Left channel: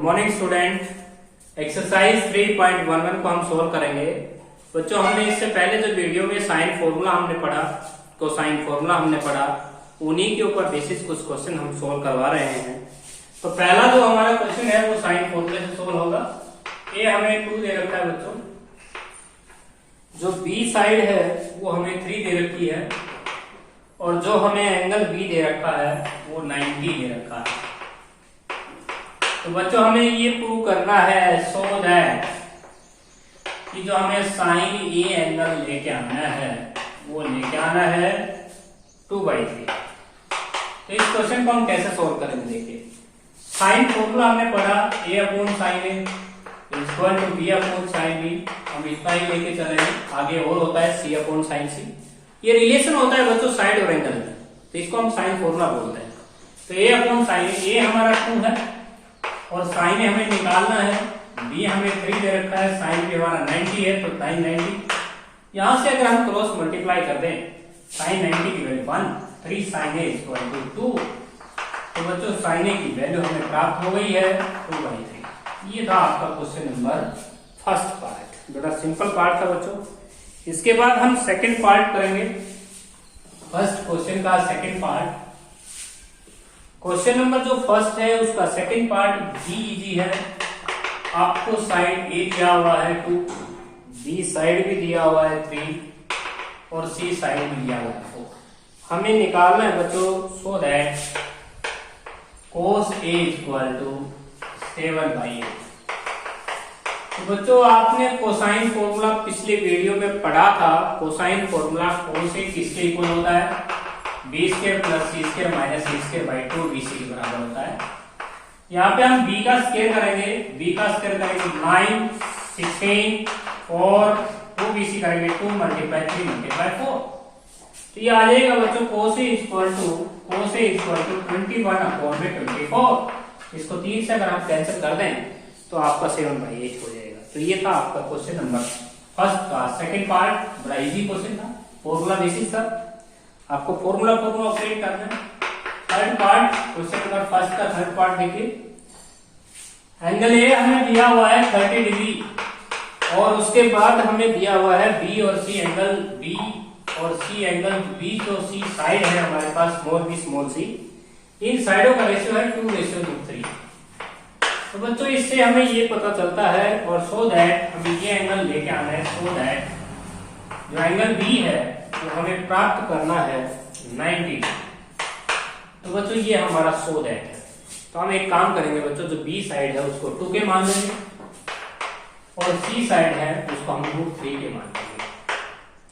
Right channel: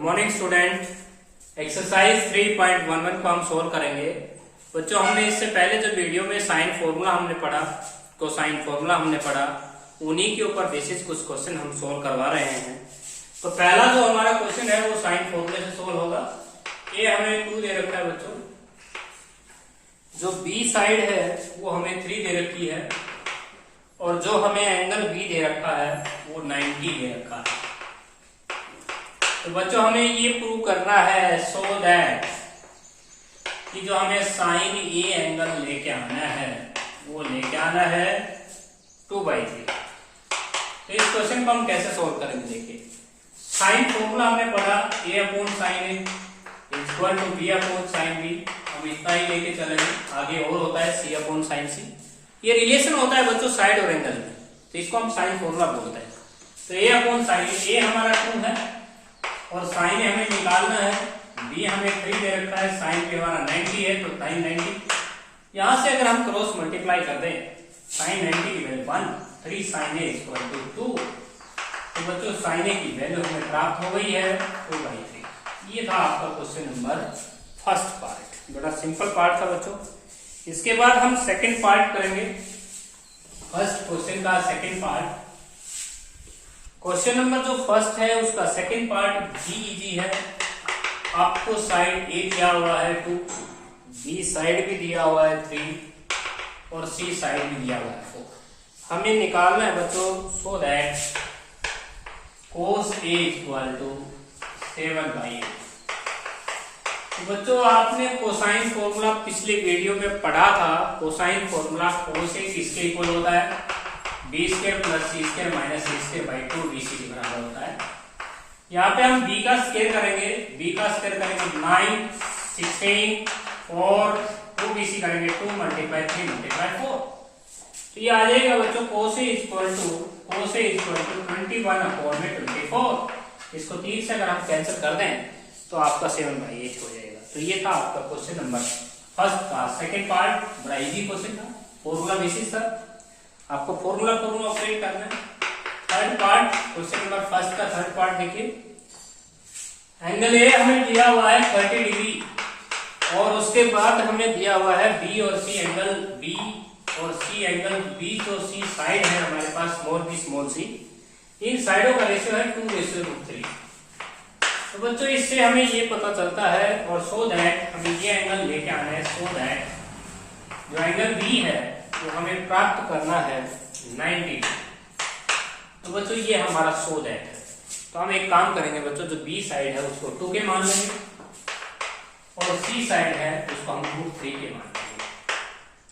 Good morning student. Exercise 3.11 को हम solve करेंगे। बच्चों, हमने इससे पहले जो वीडियो में साइन फॉर्मूला हमने पढ़ा, कोसाइन फॉर्मूला हमने पढ़ा, उन्हीं के ऊपर बेसिस कुछ क्वेश्चन हम सोल्व करवा रहे हैं। तो पहला जो हमारा क्वेश्चन है वो साइन फॉर्मूले से सोल्व होगा। ये हमें 2 दे रखा है बच्चों, जो बी साइड है वो हमें 3 दे रखी है, और जो हमें एंगल बी दे रखा है वो 90 दे रखा है। तो बच्चों, हमें ये प्रूव करना है सो दैट कि जो हमें साइन ए एंगल लेके आना है वो लेके आना है 2/3। तो इस क्वेश्चन को हम कैसे सोल्व करेंगे देखिए। साइन फॉर्मूला हमने पढ़ा, A upon sine A equal to B upon sine B. हम इतना ही लेके चले हैं, आगे और होता है सी अपॉन साइन सी। ये रिलेशन होता है बच्चों साइड और एंगल में, तो इसको हम साइन फॉर्मूला बोलते हैं। तो ए अपॉन साइन ए हमारा 2 है और साइन हमें निकालना है, बी हमें 3 दे रखा है, साइन भी हमारा 90 है, तो साइन 90। यहां से अगर हम क्रॉस मल्टीप्लाई कर दें, साइन 90 की value 1, 3 sine A equal to 2। तो बच्चों, साइन ए की वैल्यू हमें प्राप्त हो गई है 2/3। ये था आपका क्वेश्चन नंबर फर्स्ट पार्ट, बड़ा सिंपल पार्ट था बच्चों। इसके बाद हम सेकेंड पार्ट करेंगे, फर्स्ट क्वेश्चन का सेकेंड पार्ट। क्वेश्चन नंबर जो फर्स्ट है उसका सेकंड पार्ट जी इजी है। आपको साइड ए दिया हुआ है 2, बी साइड भी दिया हुआ है 3 और सी साइड भी दिया हुआ है 4। हमें निकालना है बच्चों so that cos A equal to 7/8। तो बच्चों, आपने कोसाइन फॉर्मूला पिछले वीडियो में पढ़ा था। कोसाइन फॉर्मूला cos A किसके इक्वल होता है? B square plus C square minus C square by 2 BC के बराबर होता है। यहाँ पे हम b का स्क्वायर करेंगे, b का स्क्वायर करेंगे 9, 16 और 2 BC करेंगे 2 मल्टीप्लाई 3 मल्टीप्लाई 4। तो ये आ जाएगा बच्चों cos A इक्वल टू 21/24। इसको 3 से अगर हम कैंसिल कर दें तो आपका 7/8 हो जाएगा। तो ये था आपका क्वेश्चन नंबर फर्स्ट का सेकंड पार्ट। बड़ा इजी क्वेश्चन था, फॉर्मूला बेसिस था, आपको फॉर्मूला ऑपरेट करना है। Third part, question number first का थर्ड पार्ट देखिए। एंगल ए हमें दिया हुआ है 30 डिग्री, और उसके बाद हमें दिया हुआ है बी और सी एंगल, बी और सी एंगल, बी जो सी साइड है हमारे पास स्मॉल बी स्मॉल सी, इन साइडों का रेशियो है 2:3। तो बच्चों, इससे हमें ये पता चलता है, और सो दैट हमें ये एंगल लेके आना है, सो दैट जो एंगल बी है वो हमें प्राप्त करना है 90। तो बच्चों, ये हमारा सो दैट है। तो हम एक काम करेंगे बच्चों, जो बी साइड है उसको 2 के मान लेंगे, और सी साइड है उसको हम √3 के मान लेंगे।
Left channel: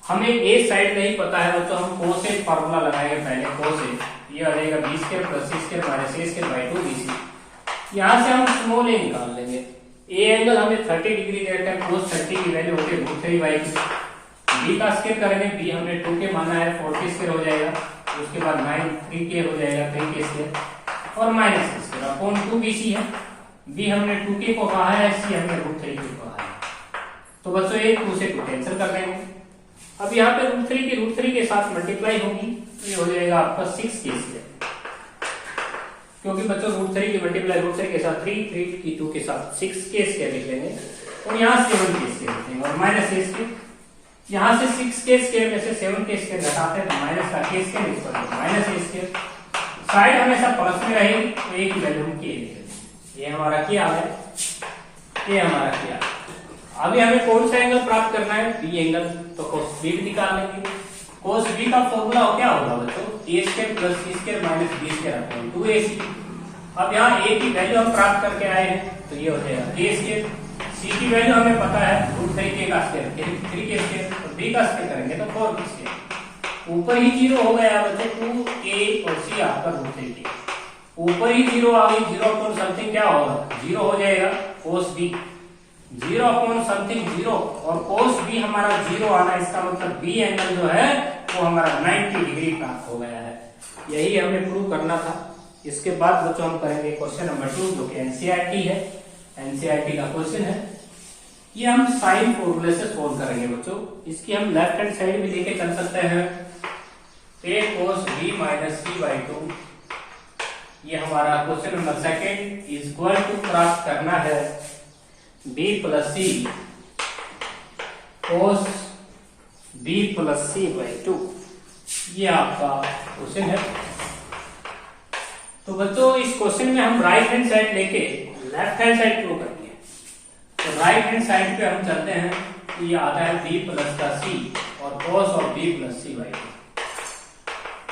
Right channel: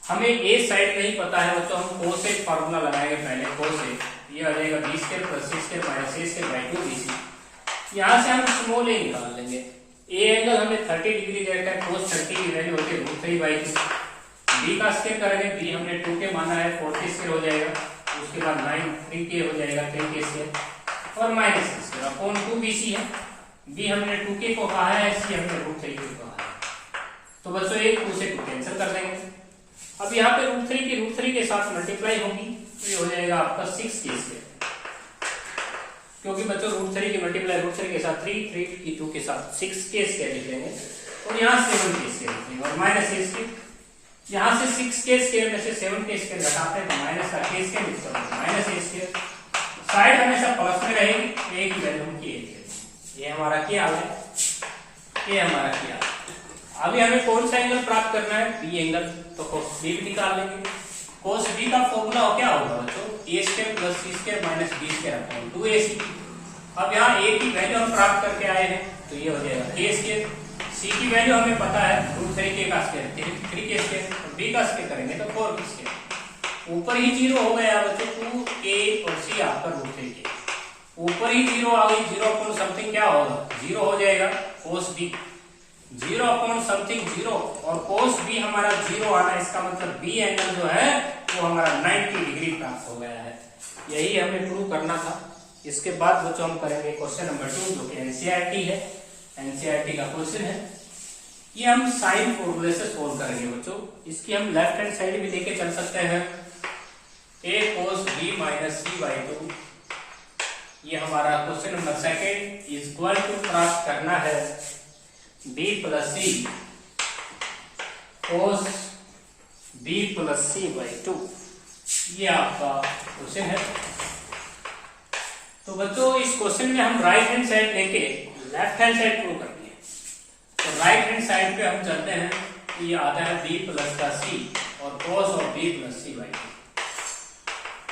हमें ए साइड नहीं पता है बच्चों, हम cos A फॉर्मूला लगाएंगे पहले। cos A ये आ जाएगा B square plus C square minus A square by 2 BC। यहाँ से हम स्मॉल ए निकाल लेंगे। ए एंगल हमें 30 डिग्री दे रखा है, cos 30 की वैल्यू होती है √3/2। बी का स्क्वायर करेंगे, बी हमने 2 के माना है, 40 स्क्वायर हो जाएगा, उसके बाद 9 3 के हो जाएगा, 3 के स्क्वायर और माइनस स्क्वायर अपॉन 2 BC है। बी हमने 2 के को कहा है, सी हमने √3 के को कहा है। तो बच्चों, एक 2 से कैंसिल कर देंगे। अब यहाँ पे √3 के साथ मल्टीप्लाई होगी, तो ये हो जाएगा आपका 6 के स्क्वायर, क्योंकि बच्चों √3 की मल्टीप्लाई √3 के साथ 3 की 2 के साथ 6 के स्क्वायर लिख लेंगे, और यहाँ 7 के स्क्वायर लिख लेंगे, और माइनस ए स्क्वायर। यहाँ से 6 के स्क्वायर में से 7 के स्क्वायर घटाते हैं तो माइनस का के square equal to minus A square. Side हमेशा प्लस में रहेगी, तो ए की वैल्यू हम के लिखेंगे। ये हमारा क्या है, ये हमारा क्या। अभी हमें कौन सा एंगल प्राप्त करना है? B angle. तो cos B निकाल लेंगे। cos B का फॉर्मूला क्या होगा बच्चों? A square plus C square minus B square upon 2AC। अब यहाँ ए की वैल्यू हम प्राप्त करके आए हैं, तो ये हो जाएगा के स्क्वायर। सी की वैल्यू हमें पता है √3 का स्क्वायर 3 के स्क्वायर, तो बी का स्क्वायर करेंगे तो 4 के स्क्वायर। ऊपर ही 0 हो गया बच्चों, 2a और सी आपका √3 के ऊपर ही 0 आ गई। 0 अपॉन समथिंग क्या होगा? 0 हो जाएगा cos B। 0 अपॉन समथिंग 0, और cos B हमारा 0 आना, इसका मतलब बी एंगल जो है वो हमारा 90 डिग्री प्राप्त हो गया है। यही हमें प्रूव करना था। इसके बाद बच्चों हम करेंगे क्वेश्चन नंबर 2, जो कि एनसीईआरटी है। एनसीईआरटी का क्वेश्चन है, ये हम साइन फॉर्मूले से सोल्व करेंगे बच्चों। इसकी हम लेफ्ट हैंड साइड भी लेके चल सकते हैं। a cos B minus C/2 ये हमारा question number second is equal to प्राप्त करना है b plus C cos b plus C by 2। ये आपका क्वेश्चन है। तो बच्चों इस क्वेश्चन में हम राइट हैंड साइड लेके लेफ्ट हैंड साइड प्रूव करेंगे। तो राइट हैंड साइड पे हम चलते हैं, तो ये आता है b प्लस का c और cos of b plus C by 2।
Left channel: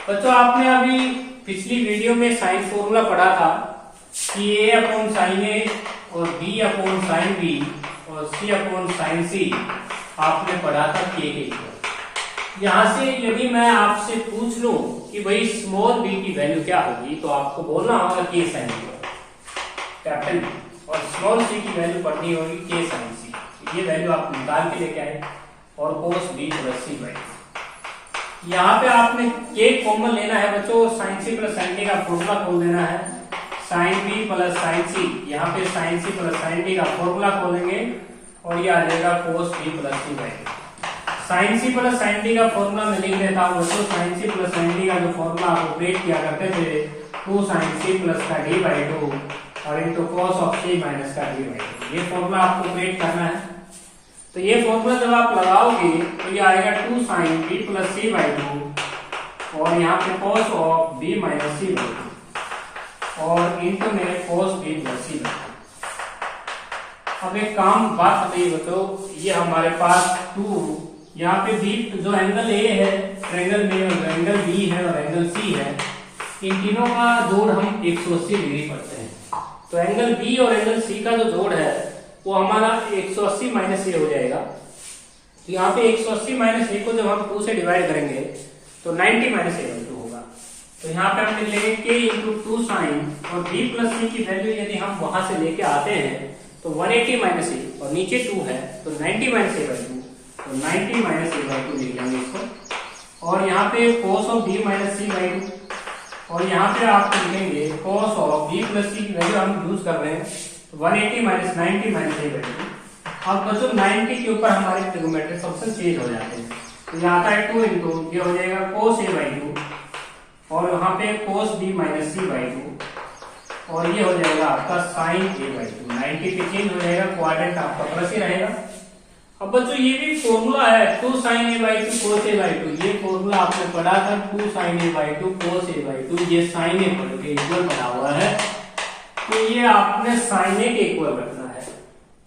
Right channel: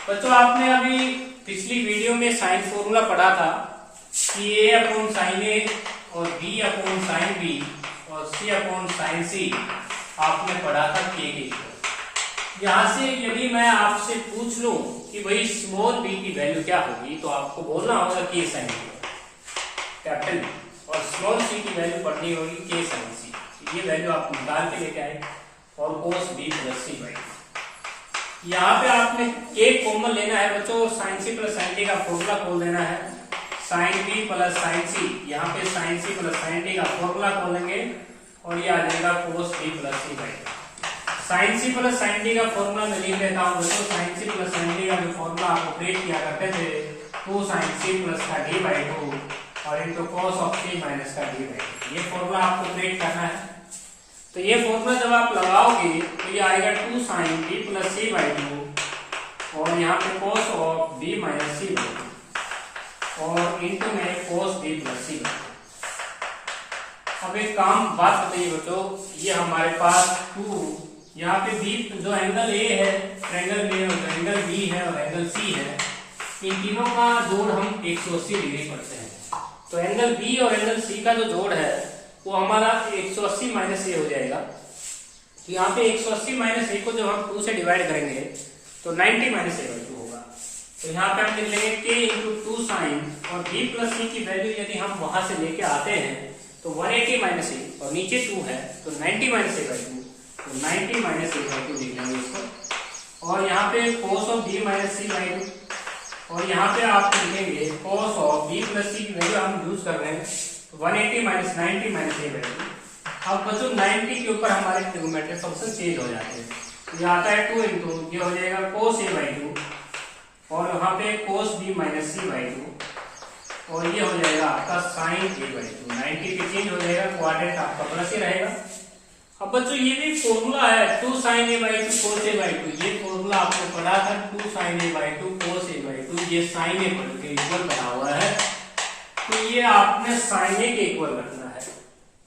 बच्चों आपने अभी पिछली वीडियो में साइन फॉर्मूला पढ़ा था कि a अपॉन साइन ए और b अपॉन साइन b और c अपॉन साइन सी आपने पढ़ा था k के इक्वल। यहां से यदि मैं आपसे पूछ लूं कि भाई स्मॉल b की वैल्यू क्या होगी, तो आपको बोलना होगा k साइन कैपिटल B, और स्मॉल c की वैल्यू पढ़नी होगी k साइन सी। ये वैल्यू आप निकाल के लेके आए और cos b plus C by. यहाँ पे आपने k कॉमन लेना है बच्चों, sine C plus sine D का फॉर्मूला खोल देना है, साइन b प्लस साइन सी, यहाँ पे sine C plus sine D का फॉर्मूला खोलेंगे और ये आ जाएगा cos b plus C by. Sine C plus sine D का फॉर्मूला मैं लिख देता हूँ बच्चों। Sine C plus sine D का जो फॉर्मूला आप ऑपरेट किया करते थे 2 साइन सी प्लस का डी बाई 2 और into cos of C minus का डी बाई 2। ये फॉर्मूला आपको ऑपरेट करना है। तो ये फॉर्मूला जब आप लगाओगे तो ये आएगा 2 sine B plus C by 2 और यहाँ पे cos of B minus C by 2 और इंटू में cos B plus C by 2। अब एक काम बात बताइए बच्चों, ये हमारे पास 2 यहाँ पे बी जो एंगल ए है ट्रायंगल में और एंगल बी है और एंगल सी है, इन तीनों का जोड़ हम 180 डिग्री पढ़ते हैं। तो एंगल बी और एंगल सी का जो जोड़ है वो हमारा 180 माइनस ए हो जाएगा। तो यहाँ पे 180 माइनस ए को जब हम 2 से डिवाइड करेंगे तो 90 माइनस ए बाई 2 होगा। तो यहाँ पे हम लिख लेंगे के इंटू 2 साइन और बी प्लस सी की वैल्यू यदि हम वहां से लेके आते हैं तो 180 माइनस ए और नीचे 2 है तो 90 माइनस ए बाई 2, तो 90 माइनस ए बाई 2 लिख लेंगे इसको। और यहाँ पे cos of b minus C by 2 और यहाँ पे आप लिखेंगे cos of b plus C की वैल्यू हम यूज कर रहे हैं तो 180 माइनस 90 माइनस ए बाई 2। अब बच्चों 90 के ऊपर हमारे ट्रिग्नोमेट्रिक फंक्शन चेंज हो जाते हैं। तो यहाँ आता है 2 इंटू ये हो जाएगा cos a बाई 2 और यहाँ पे cos b minus C by 2 और ये हो जाएगा आपका sin a बाई 2। 90 पे चेंज हो जाएगा, क्वाड्रेंट आपका प्लस ही रहेगा। अब बच्चों ये भी फॉर्मूला है 2 sin a by 2 cos a by 2। ये फॉर्मूला आपने पढ़ा था 2 sin a by 2 cos a by 2। ये sin a पढ़ के इक्वल बना हुआ है, तो ये आपने sin a के इक्वल रखना है।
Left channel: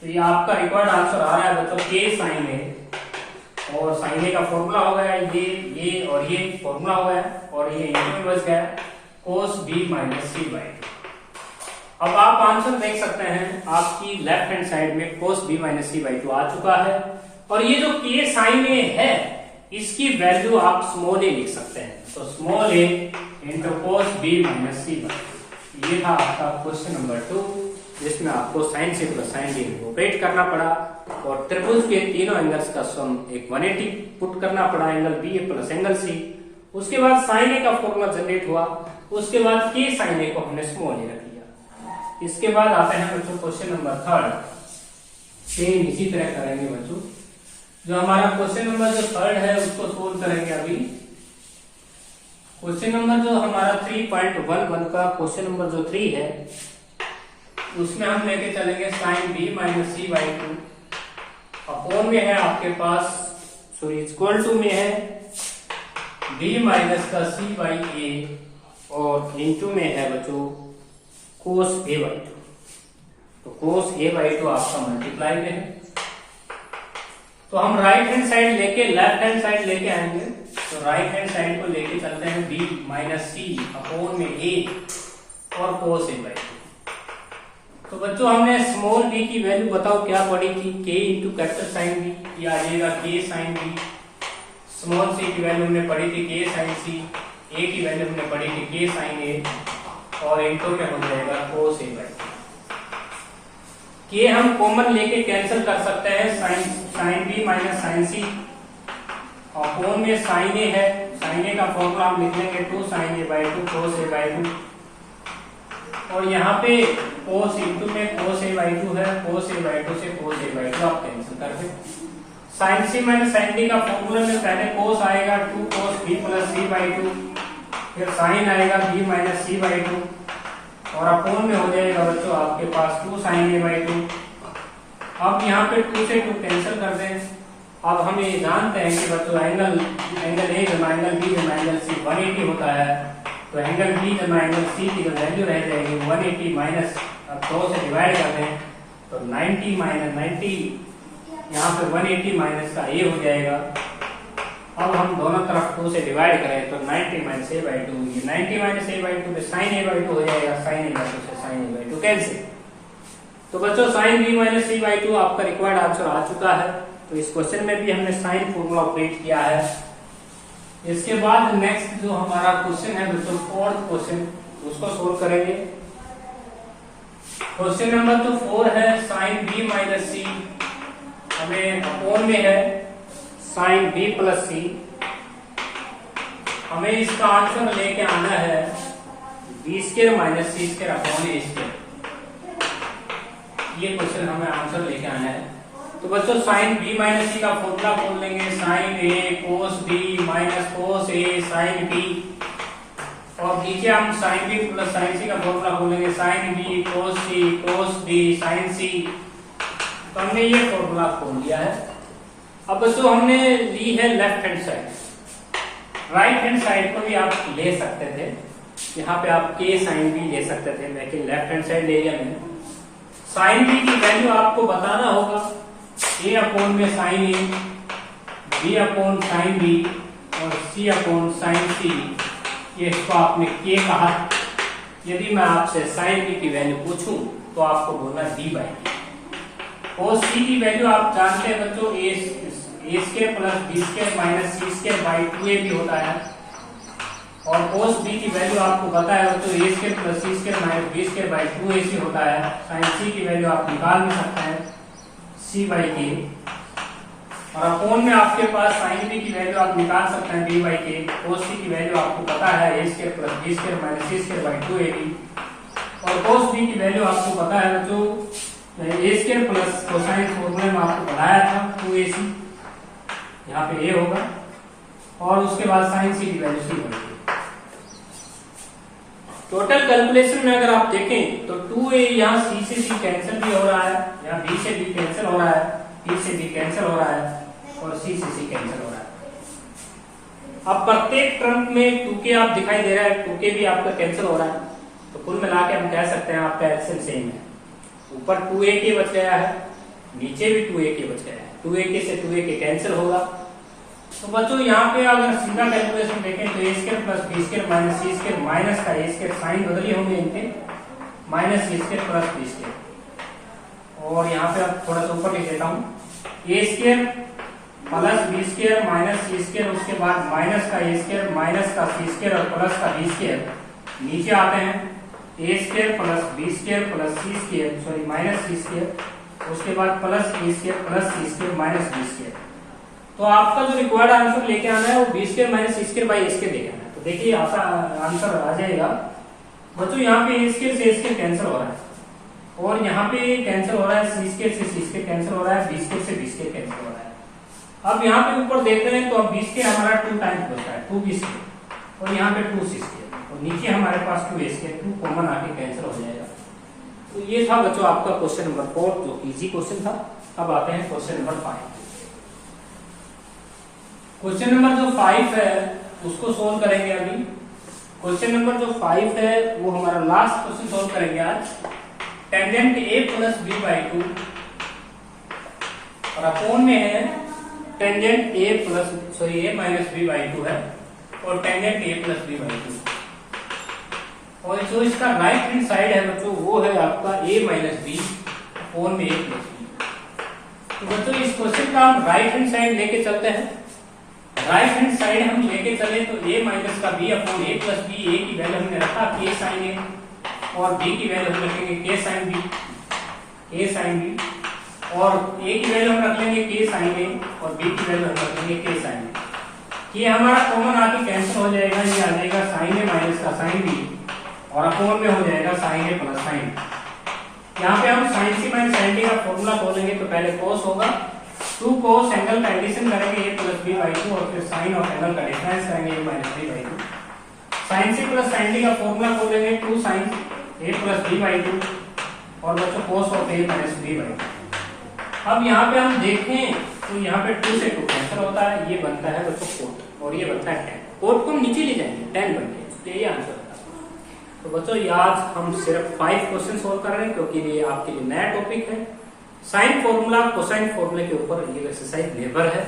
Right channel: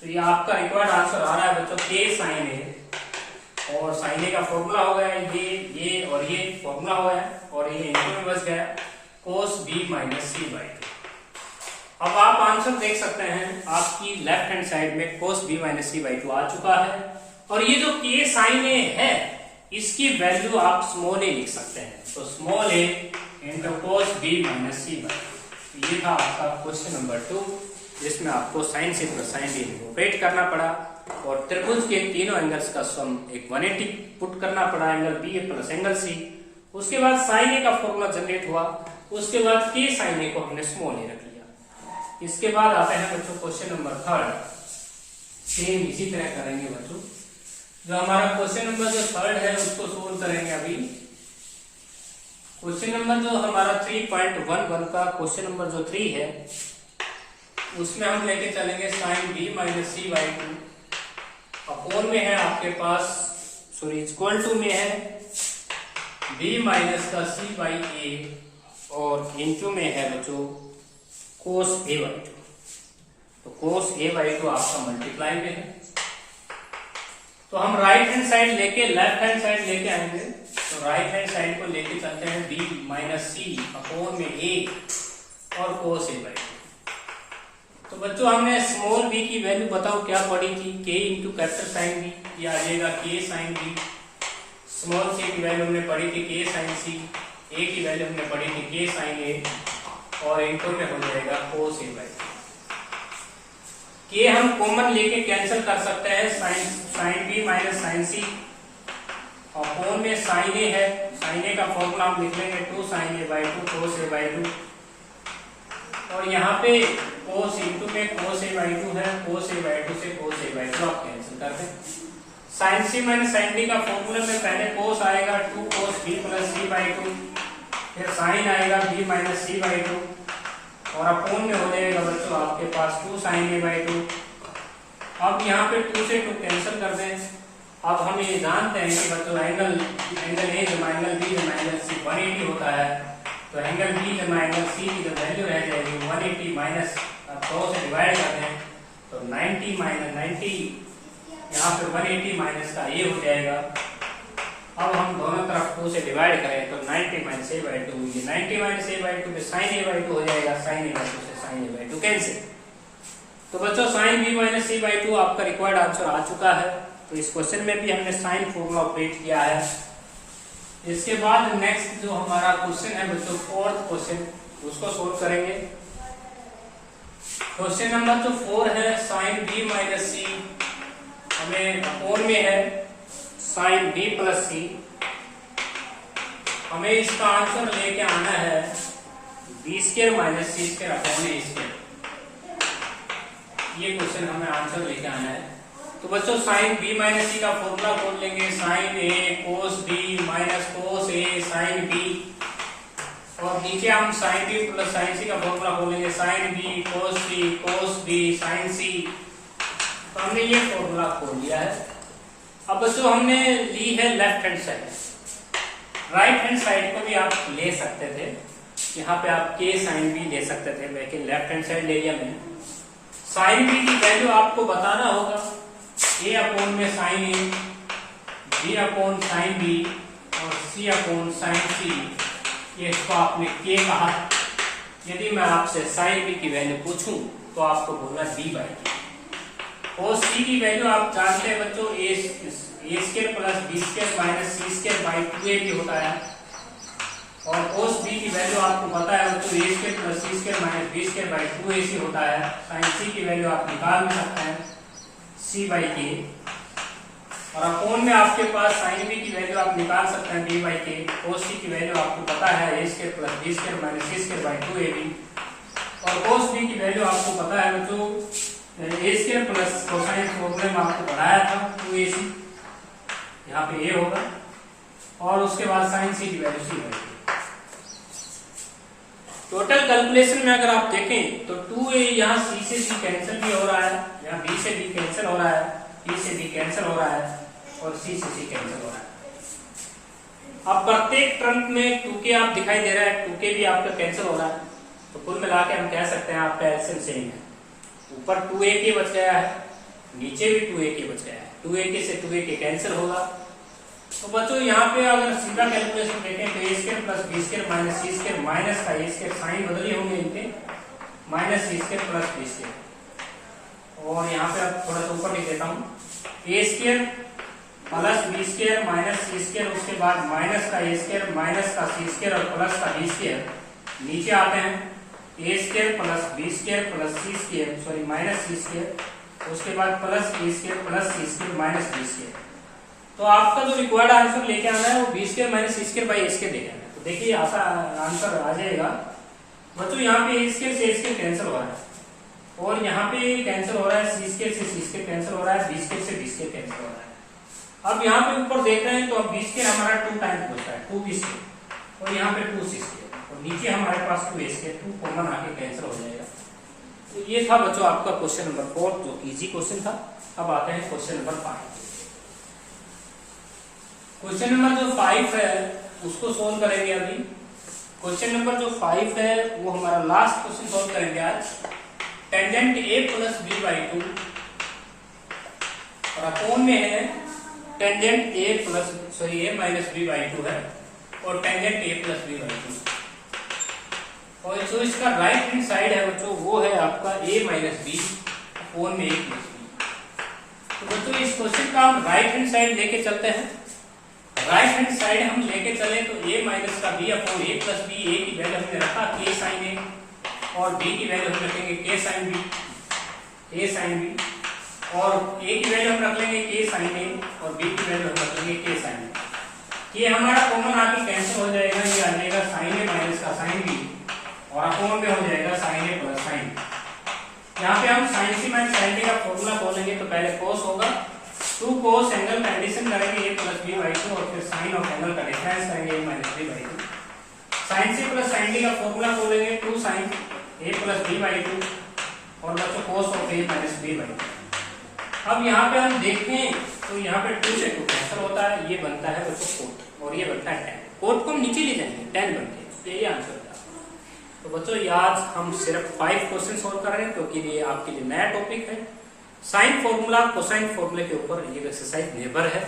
तो ये आपका रिक्वायर्ड आंसर आ रहा है बच्चों k sin a और sin a का फॉर्मूला हो गया ये और ये फॉर्मूला हो गया और ये इनके में बच गया cos b minus C by 2। अब आप आंसर देख सकते हैं आपकी लेफ्ट हैंड साइड में cos b minus C by 2 आ चुका है और ये जो k sin a है इसकी वैल्यू आप स्मॉल a लिख सकते हैं। तो small a into cos b minus C by 2। ये था आपका क्वेश्चन नंबर 2 जिसमें आपको sine C plus sine D operate करना पड़ा और त्रिभुज के तीनों एंगल्स का सम एक 180 पुट करना पड़ा, एंगल बी ए प्लस एंगल सी। उसके बाद साइन ए का फॉर्मूला जनरेट हुआ, उसके बाद के साइन ए को हमने स्मॉल ए रख लिया। इसके बाद आता है बच्चों क्वेश्चन नंबर 3। सेम इसी तरह करेंगे बच्चों। जो हमारा क्वेश्चन नंबर जो 3 है उसको सोल्व करेंगे अभी। क्वेश्चन नंबर जो हमारा 3.11 का क्वेश्चन नंबर जो 3 है उसमें हम लेके चलेंगे sine B minus C by 2 upon में है आपके पास सॉरी इक्वल टू में है बी माइनस का सी बाई ए और इनटू में है बच्चों cos a बाई 2। तो cos a बाई 2 आपका मल्टीप्लाई में है। तो हम राइट हैंड साइड लेके लेफ्ट हैंड साइड लेके आएंगे। तो राइट हैंड साइड को लेके चलते हैं b माइनस सी अपॉन में a और cos a बाई 2। तो बच्चों हमने स्मॉल b की वैल्यू बताओ क्या पड़ी थी, k into capital sine b, ये आ जाएगा k sine b। Small c की वैल्यू हमने पढ़ी थी k साइन c, a की वैल्यू हमने पढ़ी थी k साइन a और इंटू में हो जाएगा cos a बाई 2। ये हम कॉमन लेके कैंसिल कर सकते हैं, sine b minus sine c upon में साइन a है, साइन a का फॉर्मूला हम लिख लेंगे 2 sine a by 2 cos a by 2 और यहाँ पे cos इंटू में cos a बाई 2 है, cos a बाई 2 से cos a बाई 2 आप कैंसिल कर दें। Sine c minus sine d का फॉर्मूला में पहले cos आएगा 2 cos b plus c by 2, फिर साइन आएगा b माइनस c बाई 2 और अपोन में हो जाएगा बच्चों आपके पास 2 sin a बाई 2। अब यहाँ पे 2 से 2 कैंसिल कर दें। अब हम ये जानते हैं कि बच्चों एंगल ए जमा एंगल बी जमा एंगल सी 180 होता है। तो एंगल बी जमा एंगल सी की जो वैल्यू रह जाएगी 180 माइनस, अब 2 से डिवाइड कर दें तो 90 माइनस 90, यहाँ पे 180 माइनस का ए हो जाएगा। अब हम दोनों तरफ 2 से डिवाइड करें तो 90 माइनस ए बाई 2, ये 90 माइनस ए बाई 2 पे साइन ए बाई 2 हो जाएगा, साइन ए बाई 2 से साइन ए बाई 2 कैंसिल। तो बच्चों sine B minus C by 2 आपका रिक्वायर्ड आंसर आ चुका है। तो इस क्वेश्चन में भी हमने साइन फॉर्मूला ऑपरेट किया है। इसके बाद नेक्स्ट जो हमारा क्वेश्चन है बच्चों 4th क्वेश्चन, उसको सोल्व करेंगे। क्वेश्चन नंबर जो 4 है साइन बी माइनस सी, हमें अपोन में है साइन बी प्लस सी। हमें इसका आंसर लेके आना है B square minus C square upon ए स्क्वायर। ये क्वेश्चन हमें आंसर लेके आना है। तो बच्चों साइन बी माइनस सी का फॉर्मूला खोल लेंगे, sine A cos B minus cos A sine B, और नीचे हम sine B plus sine C का फॉर्मूला खोल लेंगे, sine B cos B sine C. तो हमने ये फॉर्मूला खोल लिया है। अब बच्चों हमने ली है left hand side, right hand side को भी आप ले सकते थे, यहाँ पे आप के साइन बी ले सकते थे, लेकिन लेफ्ट हैंड साइड ले लिया मैंने। साइन बी की वैल्यू आपको बताना होगा ए अपॉन में साइन ए, बी अपॉन साइन बी और सी अपॉन साइन सी। ये इसको आपने के कहा। यदि मैं आपसे साइन बी की वैल्यू पूछूं तो आपको बोलना डी बाई टी। और सी की वैल्यू आप जानते हैं बच्चों, A square plus B square minus C square by 2ab होता है। और कोस बी की वैल्यू आपको पता है बच्चों, A square plus C square minus B square by 2ac होता है। साइन सी की वैल्यू आप निकाल भी सकते हैं सी बाई के, और अपोन में आपके पास साइन बी की वैल्यू आप निकाल सकते हैं डी बाई के। कोस सी की वैल्यू आपको पता है A square plus B square minus C square by 2ab। और कोस बी की वैल्यू आपको पता है बच्चों, ए स्क्वायर प्लस कोसाइन फॉर्मूले में आपको पढ़ाया था 2ac, यहाँ पे ए होगा। और उसके बाद साइन सी की वैल्यू सी बाई के। टोटल कैलकुलेशन में अगर आप देखें तो 2a यहाँ सी से सी कैंसिल भी हो रहा है, यहाँ बी से बी कैंसिल हो रहा है, बी से बी कैंसिल हो रहा है और सी से सी कैंसिल हो रहा है। अब प्रत्येक टर्म में 2k आप दिखाई दे रहा है, 2k भी आपका कैंसिल हो रहा है। तो कुल मिला के हम कह सकते हैं आपका एलसीएम सेम है। ऊपर 2ak बच गया है, नीचे भी 2ak बच गया है, 2ak से 2ak कैंसिल होगा। तो बच्चों यहाँ पे अगर सीधा कैलकुलेशन देखें तो A square plus B square minus C square minus का ए स्क्वायर साइन बदली होंगे इनके, minus C square plus B square. और यहाँ पे अब थोड़ा सा ऊपर लिख देता हूँ, A square plus B square minus C square, उसके बाद माइनस का ए स्क्वायर माइनस का सी स्क्वायर और प्लस का बी स्क्वायर। नीचे आते हैं A square plus B square plus C square, sorry minus C square, उसके बाद plus A square plus C square minus B square. तो आपका जो रिक्वायर्ड आंसर लेके आना है वो B square minus C square by A square लेके आना है। तो देखिए आंसर आ जाएगा बच्चों, यहाँ पे ए स्क्वायर से ए स्क्वायर कैंसिल हो रहा है, और यहाँ पे कैंसिल हो रहा है सी स्क्वायर से सी स्क्वायर कैंसिल हो रहा है, बी स्क्वायर से बी स्क्वायर कैंसिल हो रहा है। अब यहाँ पे ऊपर देख रहे हैं तो अब बी स्क्वायर हमारा 2 टाइम्स बचता है, 2 बी स्क्वायर, और यहाँ पे 2 सी स्क्वायर, और नीचे हमारे पास 2 ए स्क्वायर, 2 कॉमन आके कैंसिल हो जाएगा। तो ये था बच्चों आपका क्वेश्चन नंबर 4 जो इजी क्वेश्चन था। अब आते हैं क्वेश्चन नंबर 5। क्वेश्चन नंबर जो 5 है उसको सोल्व करेंगे अभी। क्वेश्चन नंबर जो 5 है वो हमारा लास्ट क्वेश्चन सोल्व करेंगे आज। Tangent A plus B by 2 और अपोन में है tangent A plus sorry A minus B by 2 है, और tangent A plus B by 2। और जो इसका राइट हैंड साइड है बच्चों वो है आपका a माइनस बी अपोन में a प्लस बी। तो बच्चों इस क्वेश्चन का हम राइट हैंड साइड लेके चलते हैं। राइट हैंड साइड हम लेके चले तो a माइनस का b upon a plus B, a की वैल्यू हमने रखा k साइन a और b की वैल्यू हम रखेंगे k sine b, a sine b, और a की वैल्यू हम रख लेंगे k साइन a और b की वैल्यू हम रख लेंगे k साइन a। ये हमारा कॉमन आके कैंसिल हो जाएगा, ये आ जाएगा साइन a माइनस का साइन b और अपोन में हो जाएगा साइन ए प्लस साइन। यहाँ पे हम sine C minus sine D का फॉर्मूला खोलेंगे तो पहले कोस होगा, 2 कोस एंगल का एडिशन करेंगे a प्लस बी बाई 2 और फिर साइन ऑफ एंगल का डिफरेंस करेंगे a minus B by 2। Sine C plus sine D का फॉर्मूला खोलेंगे 2 sine A plus B by two और बच्चों cos of A minus B by two. अब यहाँ पे हम देखें तो यहाँ पे 2 से 2 कैंसिल होता है, ये बनता है बच्चों कोट और ये बनता है टेन। कोट को हम नीचे ले जाएंगे, 10 बनते हैं, तो ये आंसर होता है। तो बच्चों ये आज हम सिर्फ 5 क्वेश्चन सोल्व कर रहे हैं क्योंकि ये आपके लिए नया टॉपिक है। साइन फॉर्मूला कोसाइन फॉर्मूले के ऊपर ये एक्सरसाइज निर्भर है।